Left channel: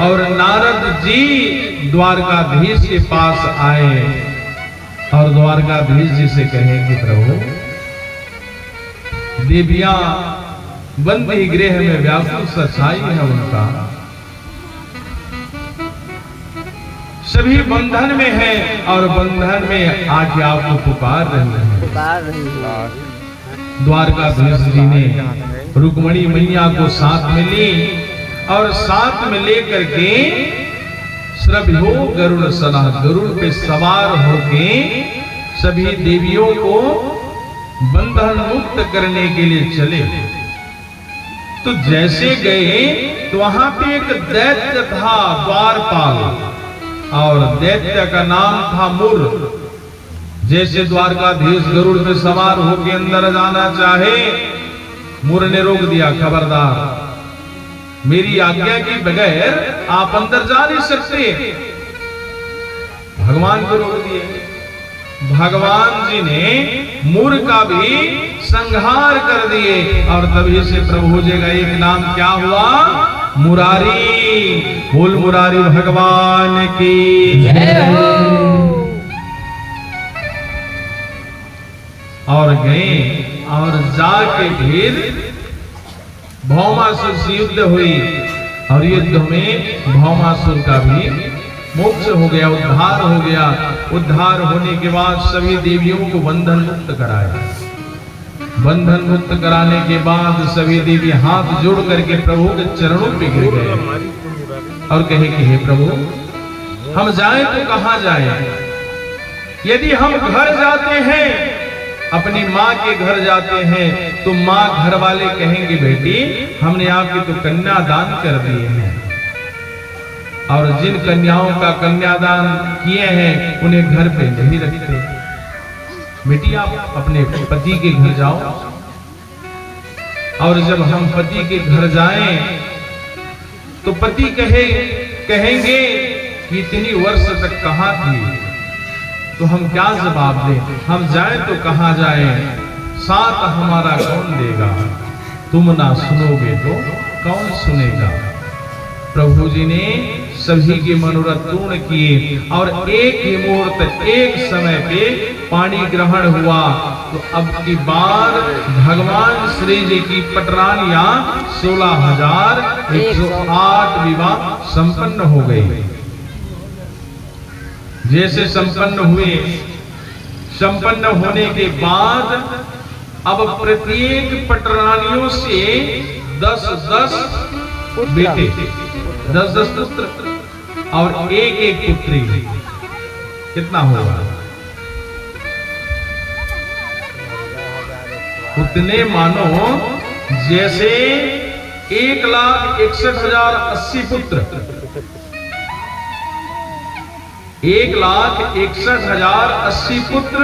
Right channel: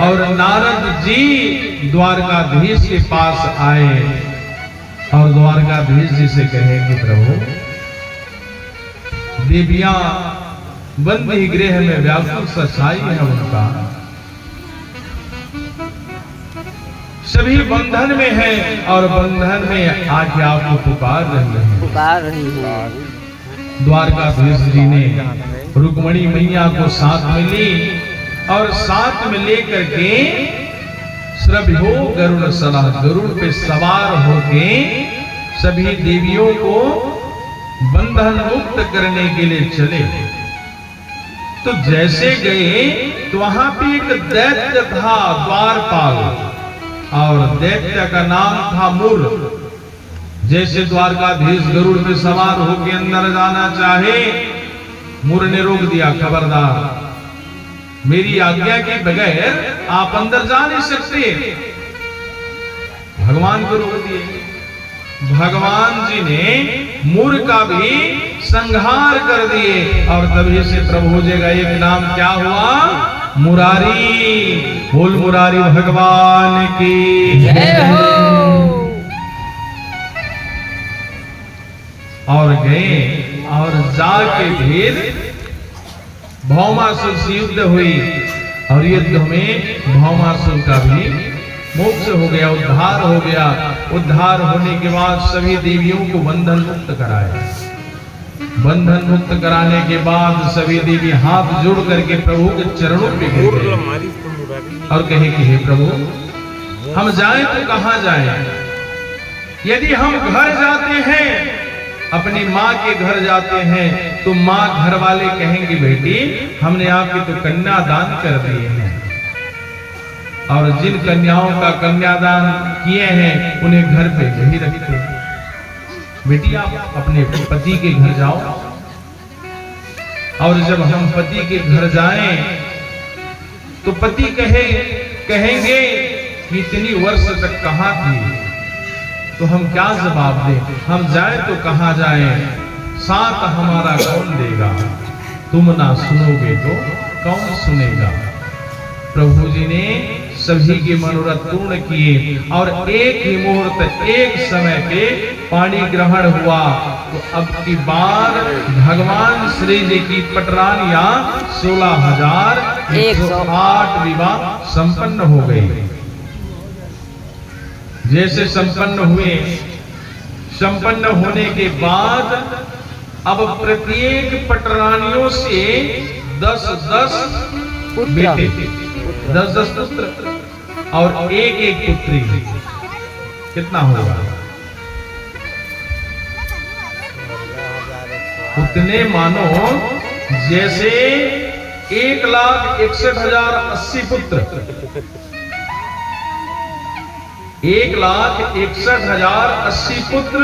और नारद जी द्वारकाधीश के पास आए और द्वारकाधीश जी से कहे कि प्रभु, देवियां बंदी गृह में व्याकुल सच्चाई है उनका, सभी बंधन में है और बंधन में आके आपको पुकार रही है। द्वारकाधीश जी ने रुक्मणी मैया को साथ में ली और साथ में लेकर के श्रभ्यो गरुड़ सला, गरुड़ पे सवार होके सभी देवियों को बंधन मुक्त करने के लिए चले। तो जैसे गए तो वहां पे एक दैत्य था द्वारपाल, और दैत्य का नाम था मुर। जैसे द्वारकाधीश गरुड़ पे सवार होके अंदर जाना चाहे, मुर ने रोक दिया, खबरदार, मेरी आज्ञा के बगैर आप अंदर जा नहीं सकते। भगवान को रोक दिए। भगवान जी ने मुर का भी संहार कर दिए और तभी से प्रभु जी का एक नाम क्या हुआ? मुरारी। बोल मुरारी भगवान की जय। और गए और जाके फिर भौमासुर से युद्ध हुई और युद्ध में भौमासुर का भी मोक्ष हो गया, उद्धार हो गया। उद्धार होने के बाद सभी देवियों को बंधन मुक्त कराया। बंधन मुक्त कराने के बाद सभी देवी हाथ जोड़ करके प्रभु के चरणों पे गिर गए और कहे कि हे प्रभु, हम जाएं तो कहां जाएं? यदि हम घर जाते हैं, अपनी माँ के घर जाते हैं, तो माँ घर वाले कहेंगे बेटी हमने आपकी तो कन्यादान कर दिए हैं, और जिन कन्याओं का कन्यादान किए हैं उन्हें घर पे नहीं रखते। बेटी आप अपने पति के घर जाओ। और जब हम पति के घर जाएं तो पति कहेंगे कि इतनी वर्ष तक कहां थी? तो हम क्या जवाब दें? हम जाएं तो कहां जाएं? साथ हमारा कौन देगा? तुम ना सुनोगे तो कौन सुनेगा? प्रभु जी ने सभी के मनोरथ पूर्ण किए और एक ही मुहूर्त, एक समय पे पानी ग्रहण हुआ। तो अब की बार भगवान श्री जी की पटरानियां 16,108 विवाह संपन्न हो गई। जैसे संपन्न हुए, संपन्न होने के बाद अब प्रत्येक पटरानियों से 10-10 बेटे, 10-10 पुत्र और एक पुत्री। कितना होगा? उतने मानो जैसे 1,61,080 पुत्र, 1,61,080 पुत्र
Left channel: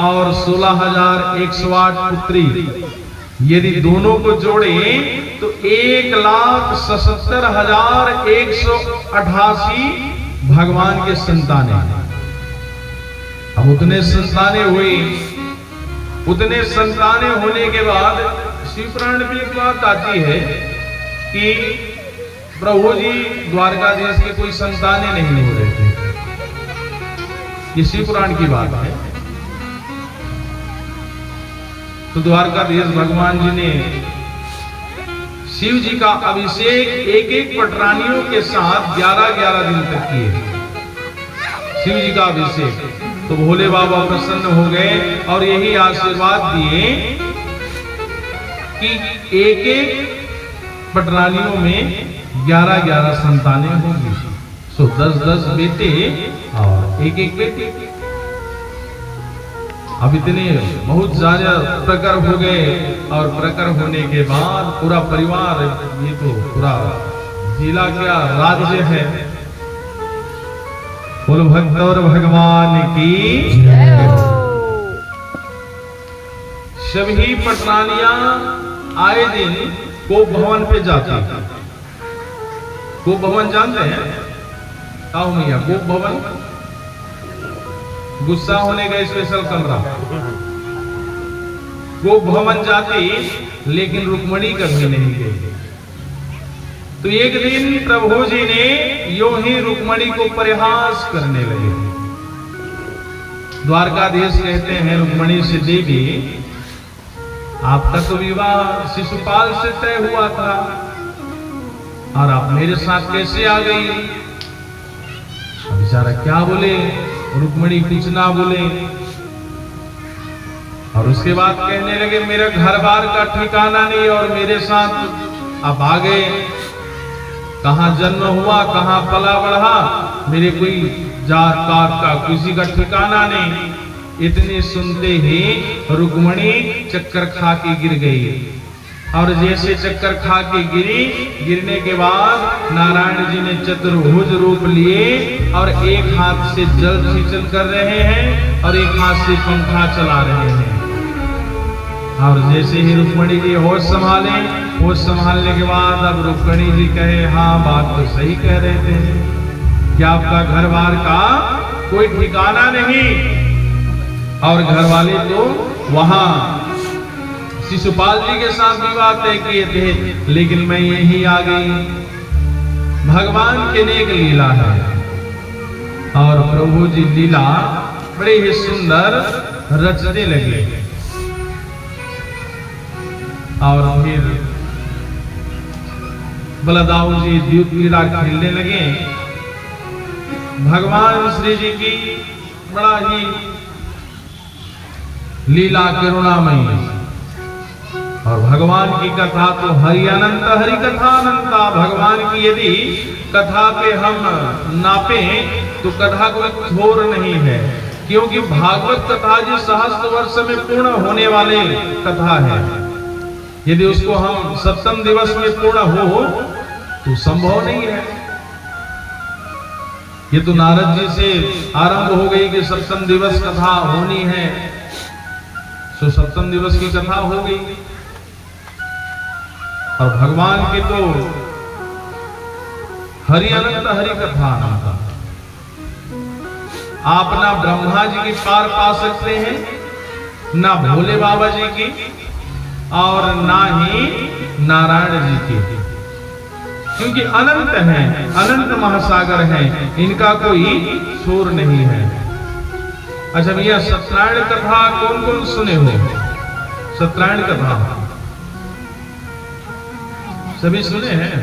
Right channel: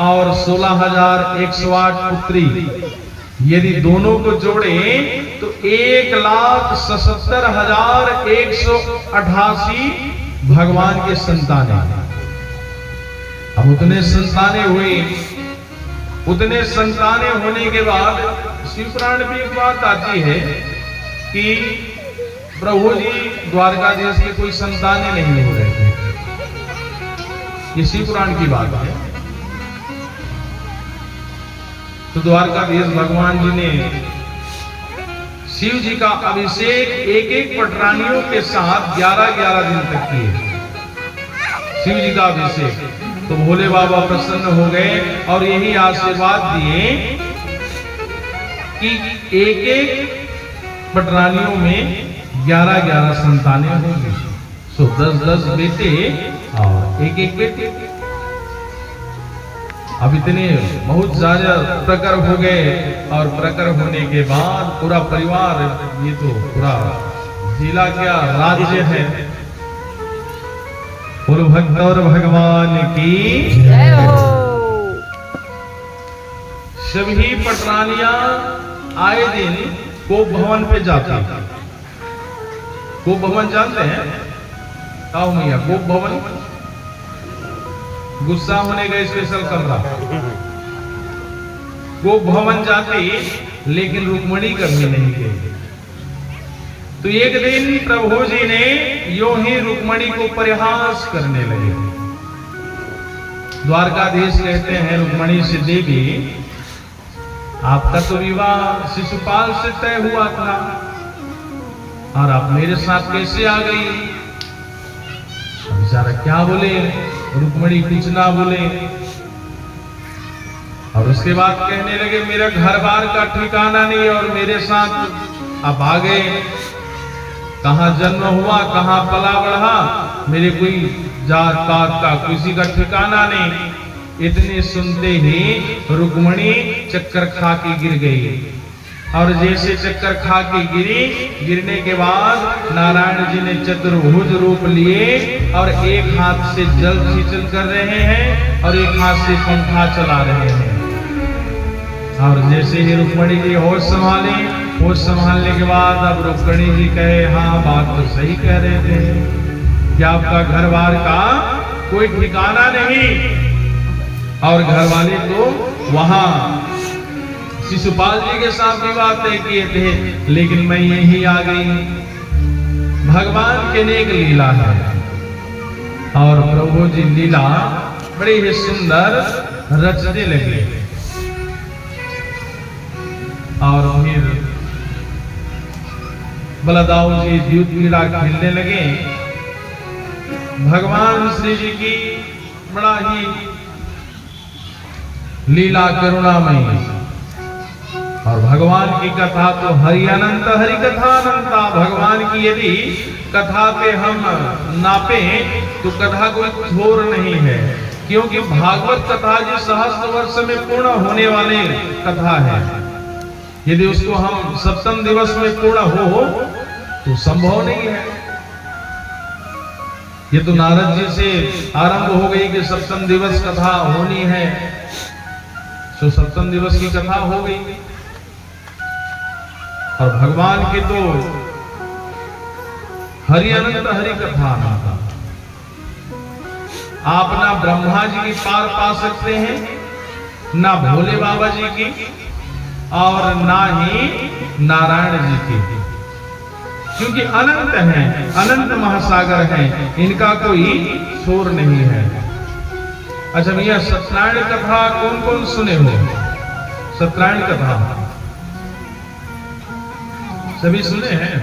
और 16,108 पुत्री। यदि दोनों को जोड़े तो 1,77,188 भगवान के संतानें। अब उतने संतानें हुई। उतने संतानें होने के बाद शिवपुराण में एक बात आती है कि प्रभु जी द्वारकाधीश के कोई संतानें नहीं हो रहे थे। ये शिवपुराण की बात है। तो द्वारकाधीश भगवान जी ने शिव जी का अभिषेक एक पटरानियों के साथ 11-11 दिन तक किए। शिव जी का अभिषेक। तो भोले बाबा प्रसन्न हो गए और यही आशीर्वाद दिए कि एक पटरानियों में 11-11 संतानें होंगी। सो 10-10 बेटे और एक बेटे। अब इतने बहुत ज्यादा प्रकर हो गए और प्रकर होने के बाद पूरा परिवार, ये तो पूरा जिला क्या राज्य है। बोल भक्त और भगवान की जय हो। सभी पटरानियां आए दिन गोप भवन पे जाती। गोप भवन जानते हैं? आओ मैया, गोप भवन गुस्सा होने का स्पेशल कमरा। गोप भवन जाती, लेकिन रुक्मणी कभी नहीं गई। तो एक दिन प्रभु जी ने यूं ही रुक्मणी को परिहास करने लगे। द्वारकाधीश कहते हैं रुक्मणी से, देवी आपका तो विवाह शिशुपाल से तय हुआ था और आप मेरे साथ कैसे आ गई? बेचारा क्या बोले, रुक्मणी कुछ ना बोले और उसके बाद कहने लगे मेरा घर बार का ठिकाना नहीं और मेरे साथ आप आ गए। कहां जन्म हुआ, कहां पला बढ़ा, मेरे कोई जात पात का किसी का ठिकाना नहीं। इतने सुनते ही रुक्मणी चक्कर खा के गिर गई और जैसे चक्कर खा के गिरी, गिरने के बाद नारायण जी ने चतुर्भुज रूप लिए और एक हाथ से जल सिंचन कर रहे हैं और एक हाथ से पंखा चला रहे हैं। और जैसे ही रुक्मणी जी होश संभाले, होश संभालने के बाद अब रुक्मणी जी कहे, हाँ बात तो सही कह रहे थे कि आपका घर बार का कोई ठिकाना नहीं और घर वाले तो वहां शिशुपाल जी के साथ विवाह तय किए थे, लेकिन मैं यही आ गई। भगवान के नेक लीला है और प्रभु जी लीला बड़े ही सुंदर रचने लगे। और फिर बलदाऊ जी द्यूत लीला खेलने लगे। भगवान श्री जी की बड़ा ही लीला करुणामयी और भगवान की कथा तो हरि अनंत, हरि कथा अनंता। भगवान की यदि कथा पे हम नापे तो कथा कोई थोर नहीं है, क्योंकि भागवत कथा जी सहस्त्र वर्ष में पूर्ण होने वाले कथा है। यदि उसको हम सप्तम दिवस में पूर्ण हो तो संभव नहीं है। ये तो नारद जी से आरंभ हो गई कि सप्तम दिवस कथा होनी है, तो सप्तम दिवस की कथा हो गई। और भगवान की तो हरि अनंत, हरि कथा अनंत। आप ना ब्रह्मा जी की पार पा सकते हैं, ना भोले बाबा जी की और ना ही नारायण जी की, क्योंकि अनंत हैं, अनंत महासागर हैं, इनका कोई छोर नहीं है। अच्छा भैया, सत्यनारायण कथा कौन कौन सुने हो? सत्यनारायण कथा सभी सुने हैं?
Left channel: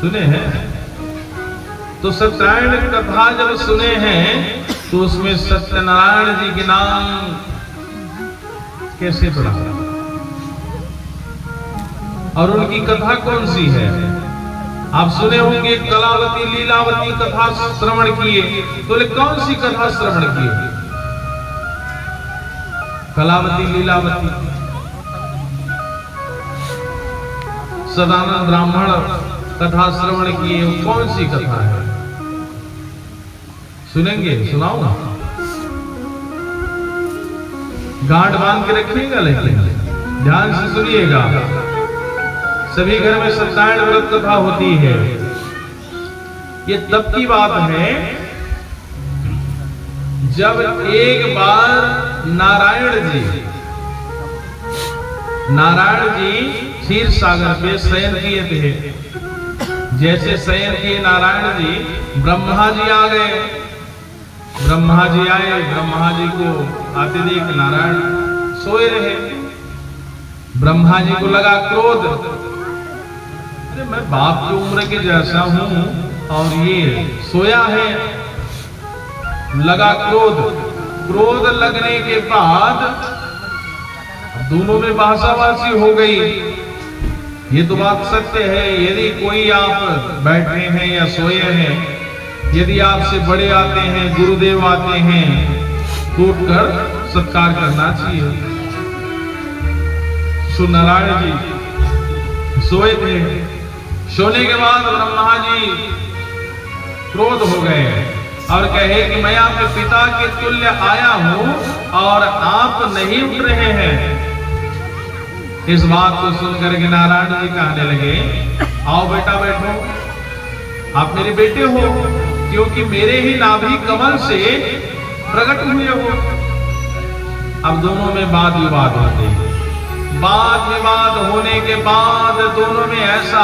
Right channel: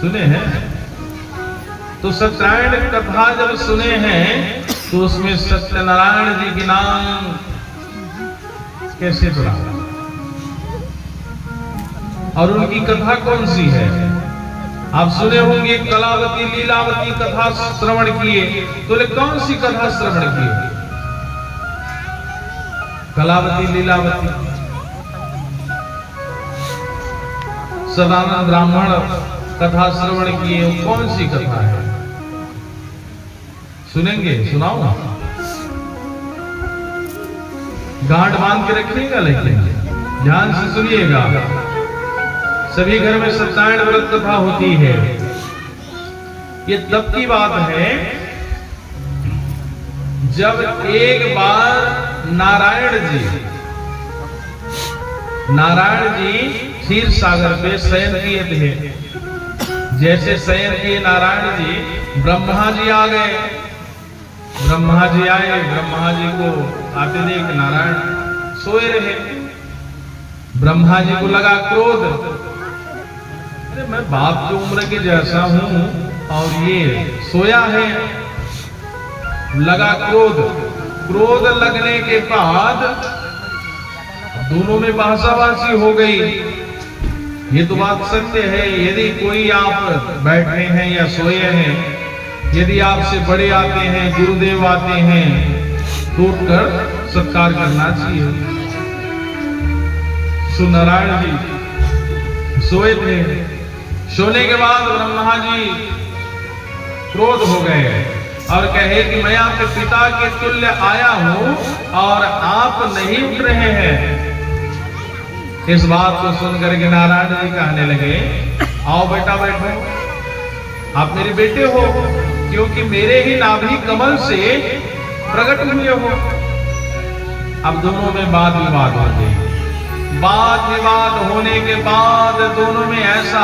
सुने हैं? तो सत्यनारायण कथा जब सुने हैं तो उसमें सत्यनारायण जी के नाम कैसे पड़ा और उनकी कथा कौन सी है? आप सुने होंगे कलावती लीलावती कथा श्रवण किए, तो कौन सी कथा श्रवण किए? कलावती लीलावती। सदानंद ब्राह्मण कथा श्रवण किए, कौन सी कथा है? सुनेंगे? सुनाओ, गांठ बांध के रखिएगा, लेकिन ध्यान से सुनिएगा। सभी घर में सत्यनारायण व्रत कथा होती है। ये तब की बात है जब एक बार नारायण जी क्षीर सागर पे शयन किए थे। जैसे शयन किए नारायण जी, ब्रह्मा जी आ गए। ब्रह्मा जी आए, ब्रह्मा जी को आते देख नारायण सोए रहे। ब्रह्मा जी को लगा क्रोध, मैं बाप की उम्र के जैसा हूं और ये सोया है। लगा क्रोध, क्रोध लगने के बाद दोनों में बहसाबाजी हो गई। ये तो बात सत्य है, यदि कोई आप बैठे हैं या सोए हैं, यदि आपसे बड़े आते हैं, गुरुदेव आते हैं, तो उठकर सत्कार करना चाहिए। सो नारायण जी सोए थे। सोने के बाद ब्रह्मा जी क्रोध हो गए और कहे कि मैं आपके पिता के तुल्य आया हूं और आप नहीं उठ रहे हैं। इस बात को सुनकर के नारायण जी कहने लगे, आओ बेटा बैठो, आप मेरे बेटे हो, क्योंकि मेरे ही नाभि कमल से प्रकट हुए हो। अब दोनों में वाद विवाद होते हैं। वाद विवाद होने के बाद दोनों में ऐसा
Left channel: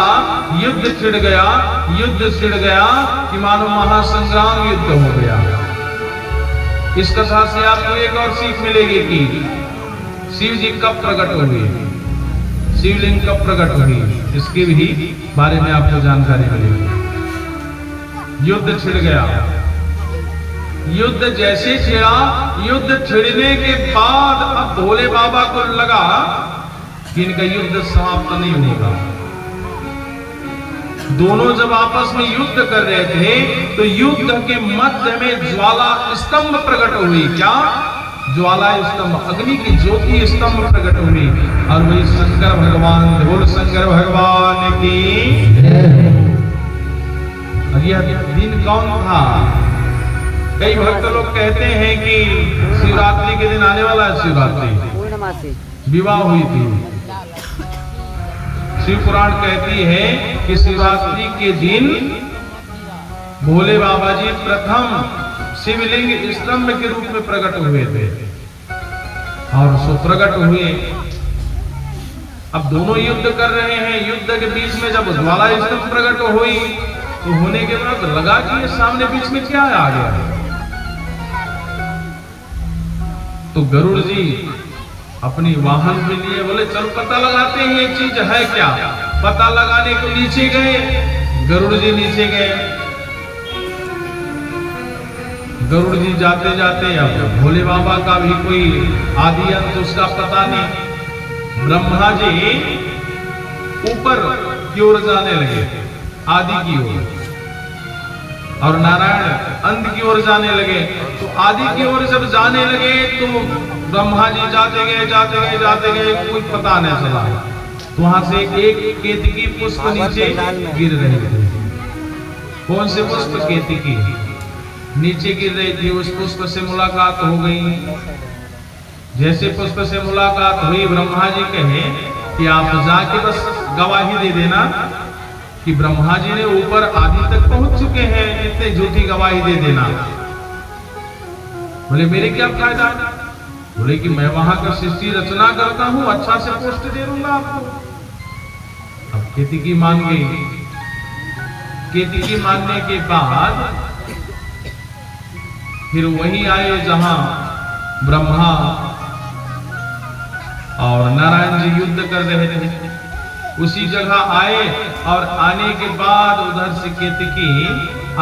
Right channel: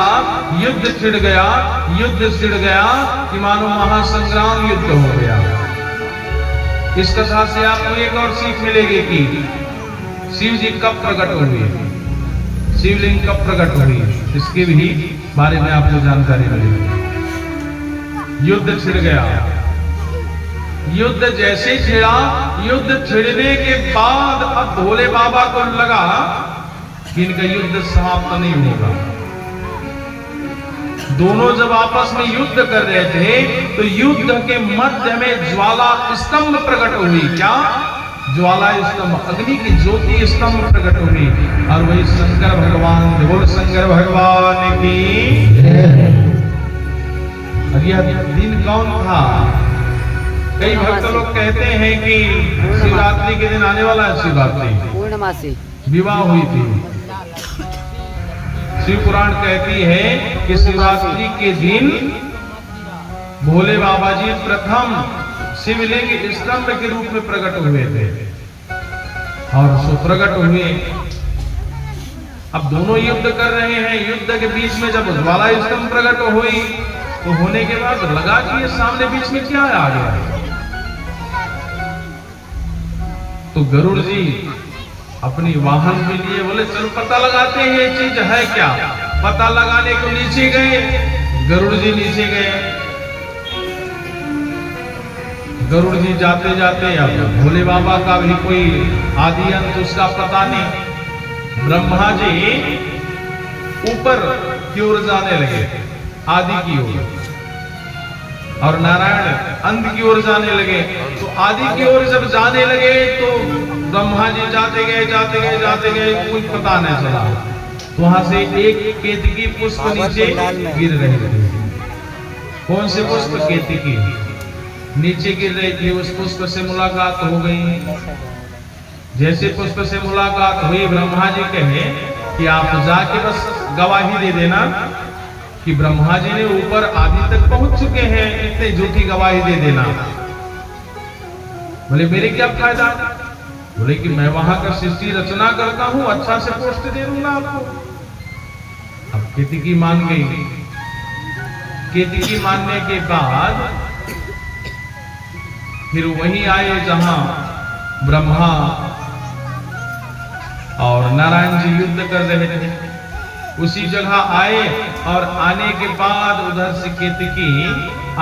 युद्ध छिड़ गया कि मानो महासंग्राम युद्ध हो गया। इस कथा से आपको एक और सीख मिलेगी कि शिव जी कब प्रकट हुए, शिवलिंग कब प्रकट हुई, इसके भी बारे में आपको जानकारी मिलेगी। युद्ध छिड़ गया, युद्ध जैसे छिड़ा, युद्ध छिड़ने के बाद अब भोले बाबा को लगा कि इनका युद्ध समाप्त नहीं होगा। दोनों जब आपस में युद्ध कर रहे थे तो युद्ध के मध्य में ज्वाला स्तंभ प्रकट हुई। क्या ज्वाला स्तंभ, अग्नि की ज्योति स्तंभ प्रकट हुई, और वही शंकर भगवान, बोल शंकर भगवान की। और यह दिन कौन था? कई भक्त लोग कहते हैं कि शिवरात्रि के दिन आने वाला है, शिवरात्रि विवाह हुई थी। शिव पुराण कहती है कि शिवरात्रि के दिन भोले बाबा जी प्रथम शिवलिंग स्तंभ के रूप में प्रकट हुए थे, और सो प्रकट हुए। अब दोनों युद्ध कर रहे हैं, युद्ध के बीच में जब ज्वाला स्तंभ प्रकट हुई तो होने के बाद लगा कि ये सामने बीच में क्या आ गया। तो गरुड़ जी अपनी वाहन के लिए बोले चल पता लगाते हैं ये चीज है क्या। पता लगाने को नीचे गए, गरुड़ जी नीचे गए। गरुड़ जी जाते जाते अब भोले बाबा का भी कोई आदि अंत उसका पता नहीं। ब्रह्मा जी ऊपर की ओर जाने लगे, आदि की ओर, और नारायण अंत की ओर जाने लगे। तो आदि की ओर जब जाने लगे तो ब्रह्मा जी जाते गए, कुछ पता नहीं चला। तो वहां से एक केतकी पुष्प नीचे गिर रही थी। कौन से पुष्प? केतकी नीचे गिर रही थी। उस पुष्प से मुलाकात हो गई। जैसे पुष्प से मुलाकात हुई, ब्रह्मा जी कहे कि आप जाके बस गवाही दे देना कि ब्रह्मा जी ने ऊपर आदि तक पहुंच चुके हैं, इतने झूठी गवाही दे देना। बोले मेरे क्या फायदा? बोले कि मैं वहां का सृष्टि रचना करता हूं, अच्छा से पोस्ट दे दूंगा आपको। अब केतकी मान गई। केतकी मानने के बाद फिर वही आए जहां ब्रह्मा और नारायण जी युद्ध कर रहे थे, उसी जगह आए। और आने के बाद उधर से केतकी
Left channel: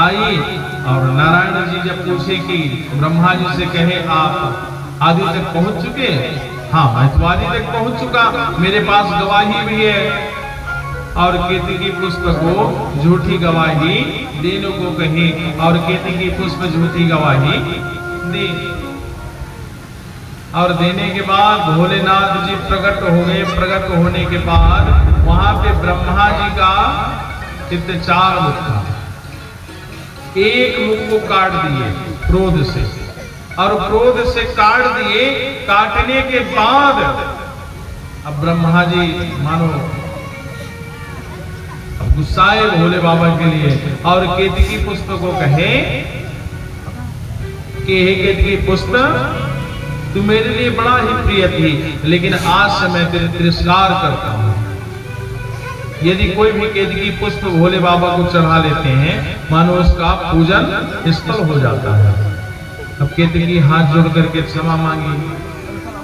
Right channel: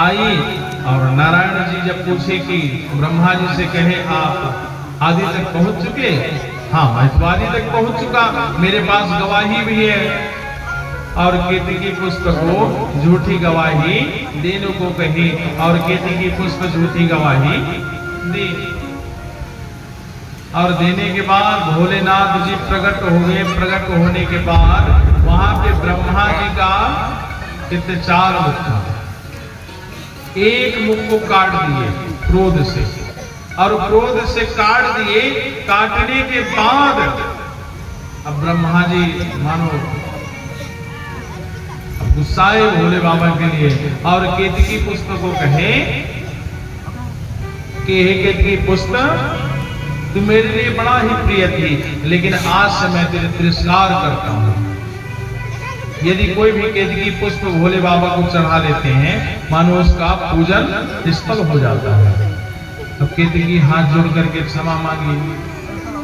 आई, और नारायण जी जब पूछे कि ब्रह्मा जी से कहे आप आदि तक पहुंच चुके? हाँ, मैं तो आदि तक पहुंच चुका, मेरे पास गवाही भी है। और केतकी पुष्प को झूठी गवाही देने को कही, और केतकी पुष्प झूठी गवाही दी। और देने के बाद भोलेनाथ जी प्रकट हो गए। प्रकट होने के बाद वहां पे ब्रह्मा जी का कितने 4 मुख था। एक मुख को काट दिए क्रोध से, और क्रोध से काट दिए। काटने के बाद अब ब्रह्मा जी मानो अब गुस्साए भोले बाबा के लिए, और केतकी पुष्प को कहे कि हे केतकी पुष्प, तू मेरे लिए बड़ा ही प्रिय थी, लेकिन आज से मैं तेरे तिरस्कार करता हूं। यदि कोई भी केतकी पुष्प भोले बाबा को चढ़ा लेते हैं, मानो उसका पूजन निष्फल हो जाता है। अब केतकी हाथ जोड़ करके क्षमा मांगी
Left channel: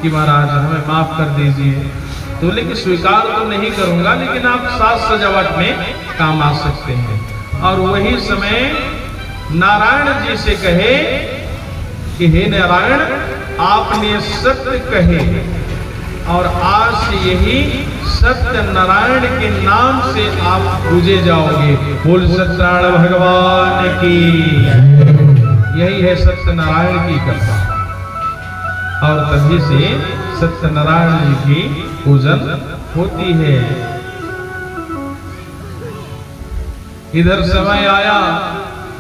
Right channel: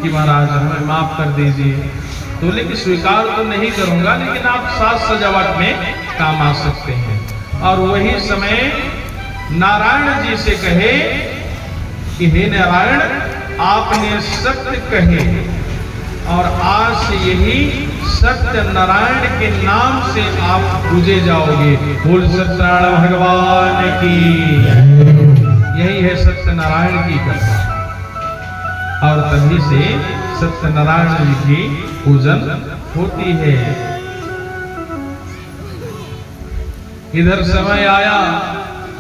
कि महाराज हमें माफ कर दीजिए। तो लेकिन स्वीकार तो नहीं करूंगा, लेकिन आप साज सजावट में काम आ सकते हैं। और वही समय नारायण जी से कहे कि हे नारायण, आपने सत्य कहे, और आज से यही सत्य नारायण के नाम से आप पूजे जाओगे। बोल सत्यनारायण भगवान की। यही है सत्यनारायण की कृपा, और तभी से सत्यनारायण जी की पूजन होती है। इधर समय आया।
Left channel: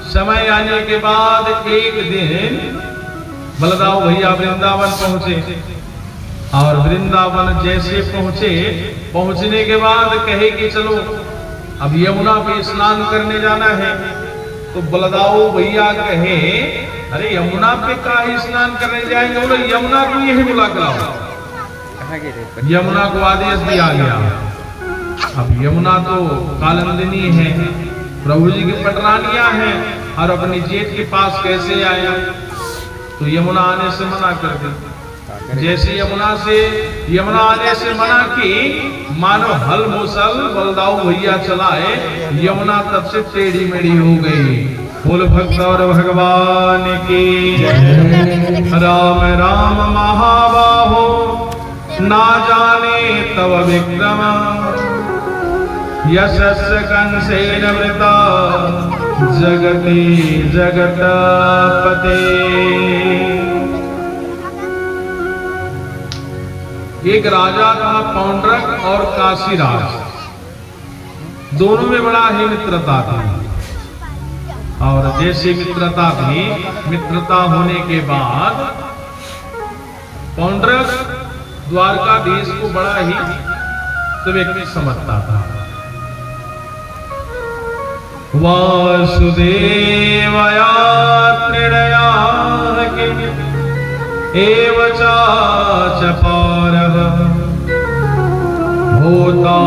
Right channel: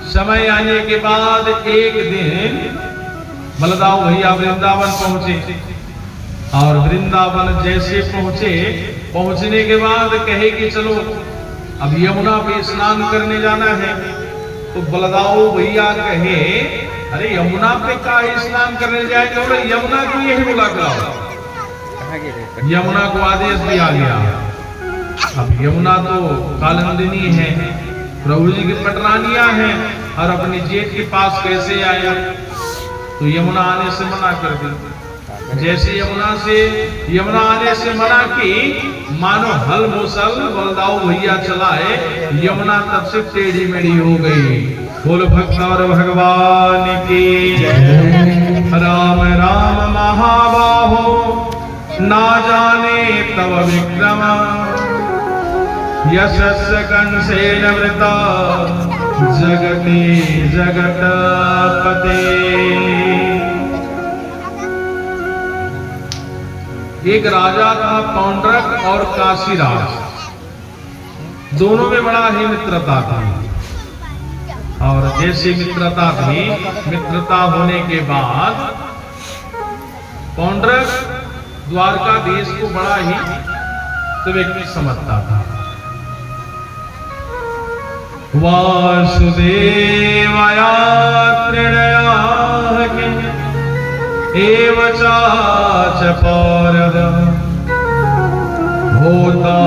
समय आने के बाद एक दिन बलदाऊ भैया वृंदावन पहुंचे, और वृंदावन जैसे पहुंचने के बाद कहे कि चलो अब यमुना पे स्नान करने जाना है। तो बलदाऊ भैया कहे अरे यमुना पे का स्नान करने जाएंगे? बोले यमुना को यही बुला के लाओ। यमुना को आदेश दिया गया। अब यमुना तो कालंदिनी है, प्रभु जी की पटरानियां हैं, और अपने जेठ के पास कैसे आया? तो यमुना आने से मना कर दी। जैसे यमुना आने से मना की, मानो हल मुसल बलदाऊ भैया चलाए, यमुना तब से टेढ़ी मेढ़ी हो गई। बोल भक्त और भगवान की राम राम महाबाहो, ना जाने तव विक्रम, यशस्य कंसेन वृता, जगति जगतपते। एक राजा था पौंड्रक और काशीराज, दोनों में बड़ा ही मित्रता थी। और जैसे मित्रता थी, मित्रता होने के बाद पौंड्रक द्वारकाधीश को बड़ा ही व्यक्ति समझता था। वासुदेवया तृणया एव चाच पौरव भूता